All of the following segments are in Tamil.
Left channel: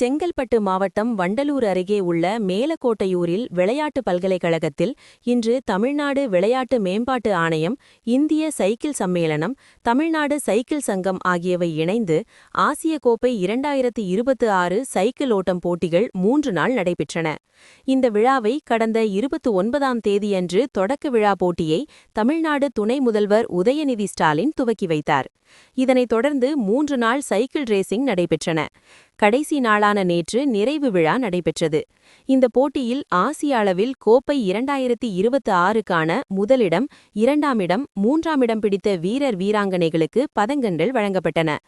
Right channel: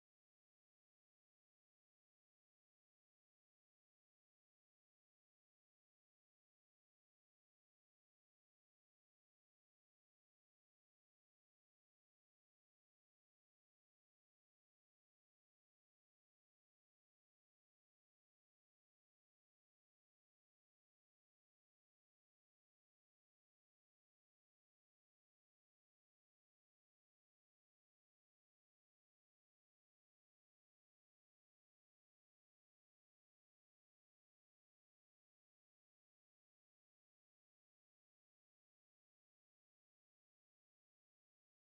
செங்கல்பட்டு மாவட்டம் வண்டலூர் அருகே உள்ள மேலக்கோட்டையூரில் விளையாட்டு பல்கலைக்கழகத்தில் இன்று தமிழ்நாடு விளையாட்டு மேம்பாட்டு ஆணையம், இந்திய சைக்கிள் சம்மேளனம், தமிழ்நாடு சைக்கிள் சங்கம் ஆகியவை இணைந்து ஆசிய கோப்பை 2026 சைக்கிள் ஓட்டம் போட்டிகள் 3 நாள் நடைபெற்றன. இந்த விழாவை கடந்த 29ஆம் தேதியன்று தொடக்க விழா போட்டியை தமிழ்நாடு துணை முதல்வர் உதயநிதி ஸ்டாலின் துவக்கி வைத்தார். இதனைத் தொடர்ந்து 3 நாள் சைக்கிள் ரேசிங் நடைபெற்றன. கடைசி நாளான நேற்று நிறைவு விழா நடைபெற்றது. இந்த போட்டியில் ஆசிய அளவில் கோப்பை 2026க்கான முதலிடம், 2ஆம் இடம், 3ஆம் இடம் பிடித்த வீரர் வீராங்கனைகளுக்கு பதக்கங்கள் வழங்கப்பட்டன.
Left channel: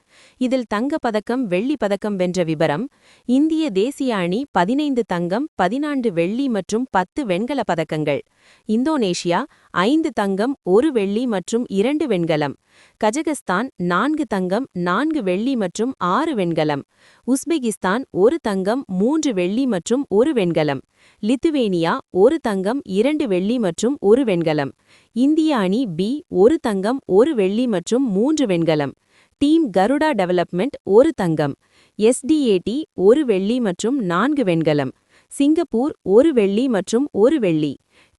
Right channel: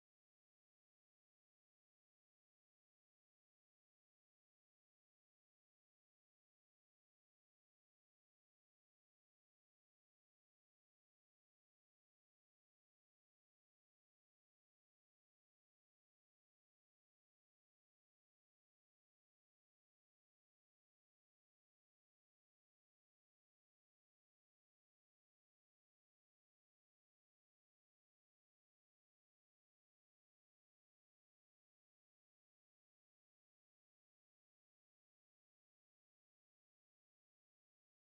இதில் தங்கப் பதக்கம், வெள்ளிப் பதக்கம் வென்ற விபரம்: இந்திய தேசிய அணி 15 தங்கம், 14 வெள்ளி மற்றும் 10 வெண்கலப் பதக்கங்கள். இந்தோனேஷியா 5 தங்கம், 1 வெள்ளி மற்றும் 2 வெண்கலம். கஜகஸ்தான் 4 தங்கம், 4 வெள்ளி மற்றும் 6 வெண்கலம். உஸ்பெகிஸ்தான் 1 தங்கம், 3 வெள்ளி மற்றும் 1 வெண்கலம். லித்துவேனியா 1 தங்கம், 2 வெள்ளி மற்றும் 1 வெண்கலம். இந்திய அணி பி 1 தங்கம், 1 வெள்ளி மற்றும் 3 வெண்கலம். டீம் கருடா டெவலப்மெண்ட் 1 தங்கம். எஸ்டிஏடி 1 வெள்ளி மற்றும் 4 வெண்கலம். சிங்கப்பூர் 1 வெள்ளி மற்றும் 1 வெள்ளி.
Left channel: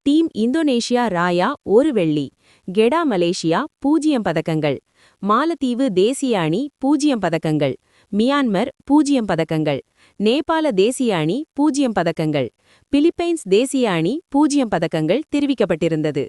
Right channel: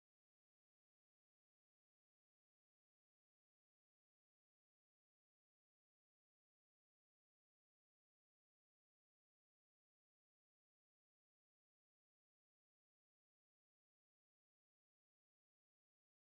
டீம் இந்தோனேஷியா ராயா 1 வெள்ளி. கெடா மலேசியா 0 பதக்கங்கள். மாலத்தீவு தேசிய அணி 0 பதக்கங்கள். மியான்மர் 0 பதக்கங்கள். நேபாள தேசிய அணி 0 பதக்கங்கள். பிலிப்பைன்ஸ் தேசிய அணி 0 பதக்கங்கள் தெரிவிக்கப்பட்டிருந்தது.